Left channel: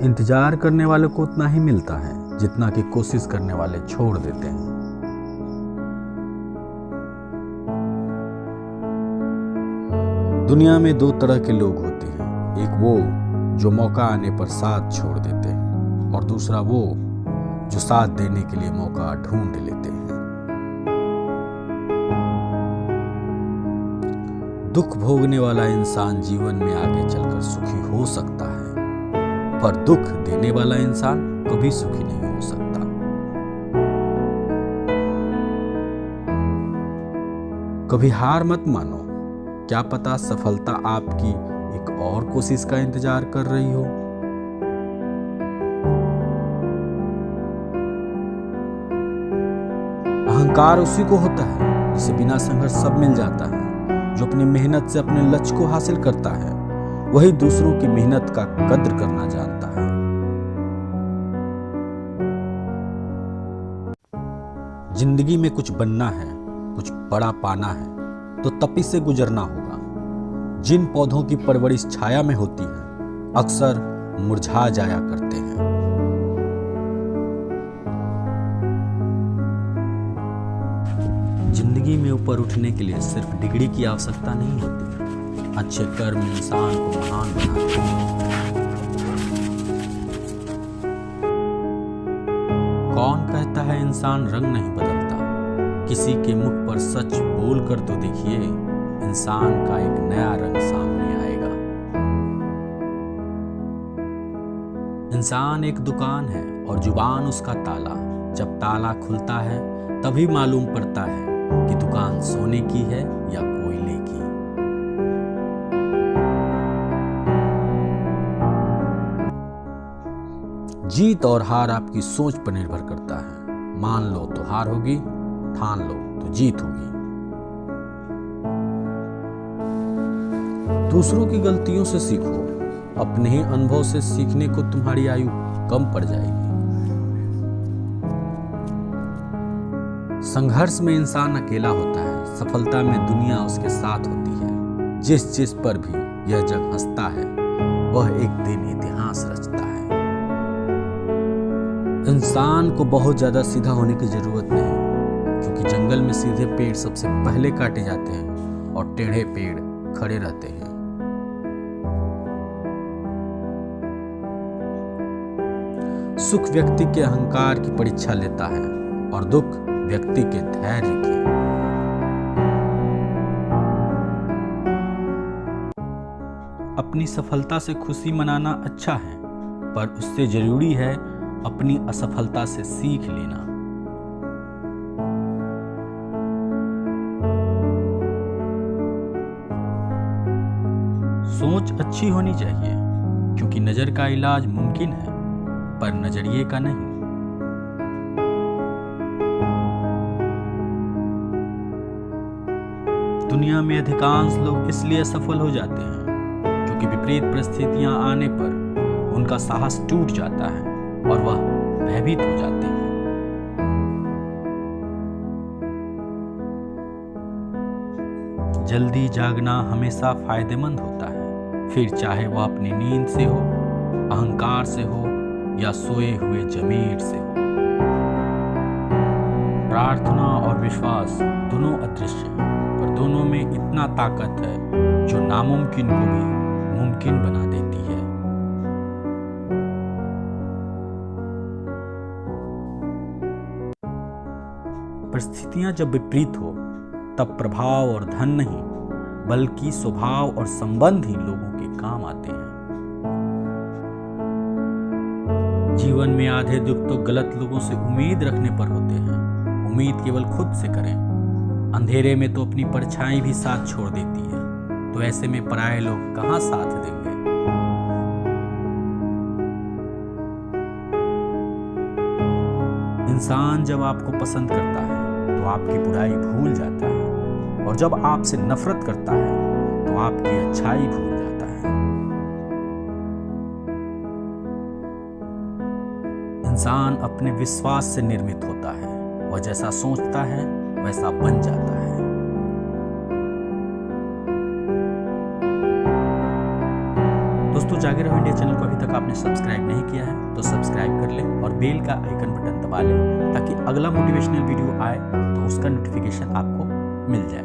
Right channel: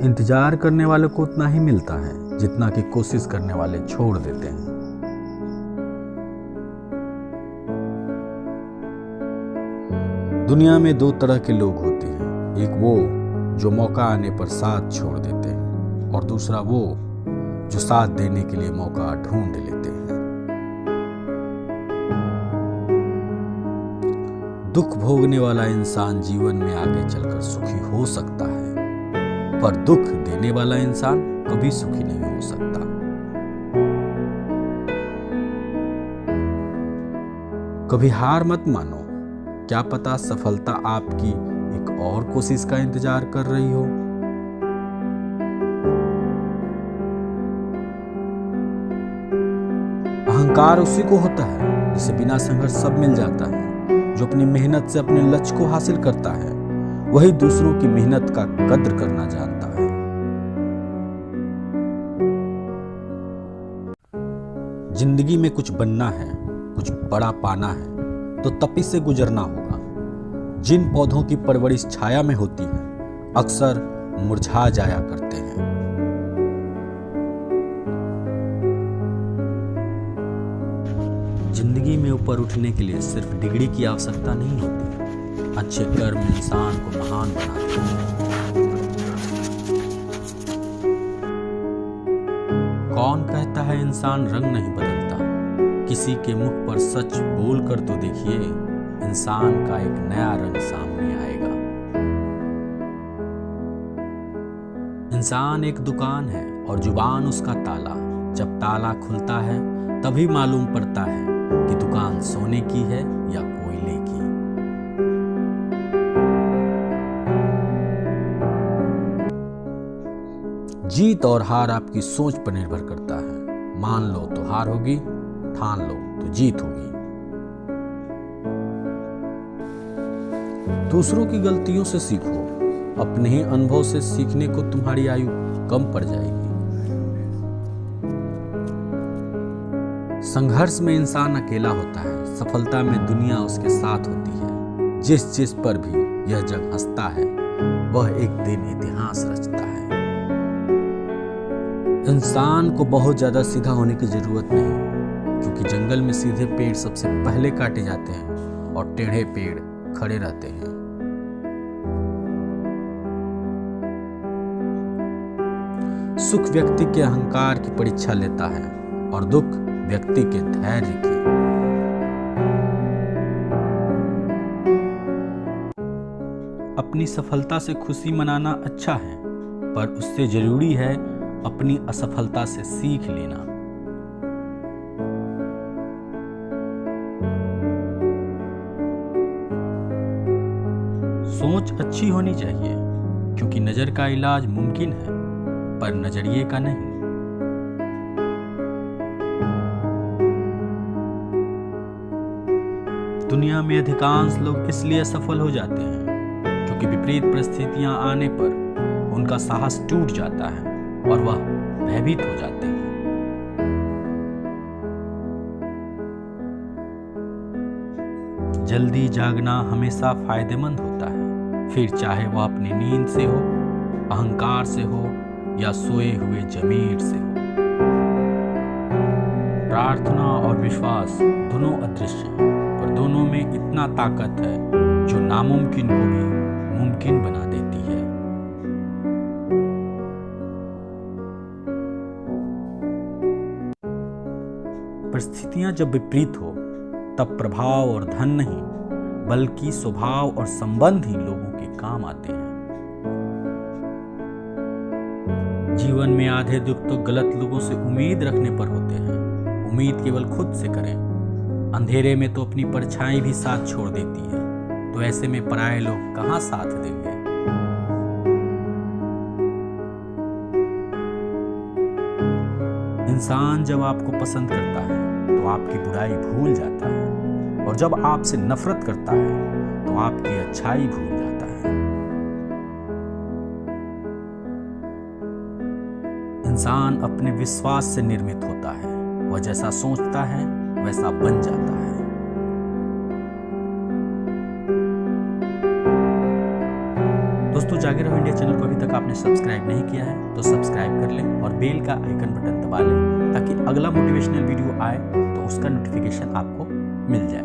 इंतजार करने वाले को उतना ही मिलता है जितना कि कोशिश करने वाले छोड़ देते हैं। दुनिया में दो तरह के लोग होते हैं, एक वो जो मौका आने पर साथ छोड़ देते हैं और दूसरा वो जो साथ देने के लिए मौका ढूंढ लेते हैं। दुख भोगने वाला इंसान जीवन में आगे चलकर सुखी हो सकता है, पर दुख देने वाला इंसान कभी सुखी नहीं हो सकता। कभी हार मत मानो, क्या पता सफलता आपकी एक और कोशिश का इंतजार कर रही हो। अहंकार उसी को होता है जिसे बिना संघर्ष सब मिल जाता है। जो अपनी मेहनत से अपने लक्ष्य को हासिल करता है वही दूसरों की मेहनत का कद्र करना जानता है। जिंदगी में कुछ बनना है, कुछ बड़ा पाना है तो तपी से गुजरना होगा। जिन पौधों की परवरिश छाया में होती है अक्सर मुरझा जाया करते हैं। जिंदगी में ऊपर उठने के लिए सिर्फ डिग्री की आवश्यकता नहीं होती, अच्छे कर्म इंसान को महान बनाते हैं। कौन कहता है इंसान रंग नहीं बदलता? किसी के मुख पर सच बोल कर तो देखिए, इंसान का एक नया रंग सामने आएगा। इंसान एक दुकान है और जुबान उसका ताला। जब ताला खुलता है तभी मालूम पड़ता है कि दुकान सोने की है या कोयले की। जीत और हार आपकी सोच पर निर्भर करता है। मान लो तो हार होगी, ठान लो तो जीत होगी। दूसरों की गलतियों से सीखो, अपने ही अनुभव से सीखने को तुम्हारी आयु कम पड़ जाएगी। संघर्ष में इंसान अकेला होता है, सफलता में दुनिया उसके साथ होती है। जिस पर भी यह जग हंसता है वह एक दिन इतिहास रचता है। इंसान को बहुत ज्यादा सीधा होने की जरूरत नहीं, क्योंकि जंगल में सीधे पेड़ सबसे पहले काटे जाते हैं और टेढ़े पेड़ खड़े रहते हैं। सुख व्यक्ति के अहंकार की परीक्षा लेता है और दुख व्यक्ति के धैर्य की। अपनी सफलता से खुशी मनाना अच्छा है, पर उससे जरूरी है अपनी असफलता से सीख लेना। सोच अच्छी होनी चाहिए, क्योंकि नजर का इलाज मुमकिन है पर नजरिए का नहीं। दुनिया में अधिकांश लोग इसलिए असफल हो जाते हैं क्योंकि विपरीत परिस्थितियां आने पर उनका साहस टूट जाता है और वह भयभीत हो जाते हैं। जल्दी जागना हमेशा फायदेमंद होता है, फिर चाहे वह अपनी नींद से हो, अहंकार से हो या सोए हुए जमीर से हो। प्रार्थना और विश्वास दोनों अदृश्य हैं, पर दोनों में इतना ताकत है जो नामुमकिन को भी मुमकिन बना देती है। परिस्थितियां जब विपरीत हो तब प्रभाव और धन नहीं बल्कि स्वभाव और संबंध ही लोगों के काम आते हैं। जीवन में आधे दुख तो गलत लोगों से उम्मीद रखने पर होते हैं। उम्मीद केवल खुद से करें। अंधेरे में तो अपनी परछाई भी साथ छोड़ देती है, तो ऐसे में पराये लोग कहां साथ देंगे। इंसान जब आपको पसंद करता है तो आपकी बुराई भूल जाता है, और जब आपसे नफरत करता है तो आपकी अच्छाई भूल जाता है। इंसान अपने विश्वास से निर्मित होता है। वह जैसा सोचता है वैसा बन जाता है। दोस्तों, जागे रहो इंडिया चैनल को अभी तक आपने सब्सक्राइब नहीं किया है तो सब्सक्राइब कर लें और बेल का आइकन बटन दबा लें ताकि अगला मोटिवेशनल वीडियो आए तो उसका नोटिफिकेशन आपको मिल जाए।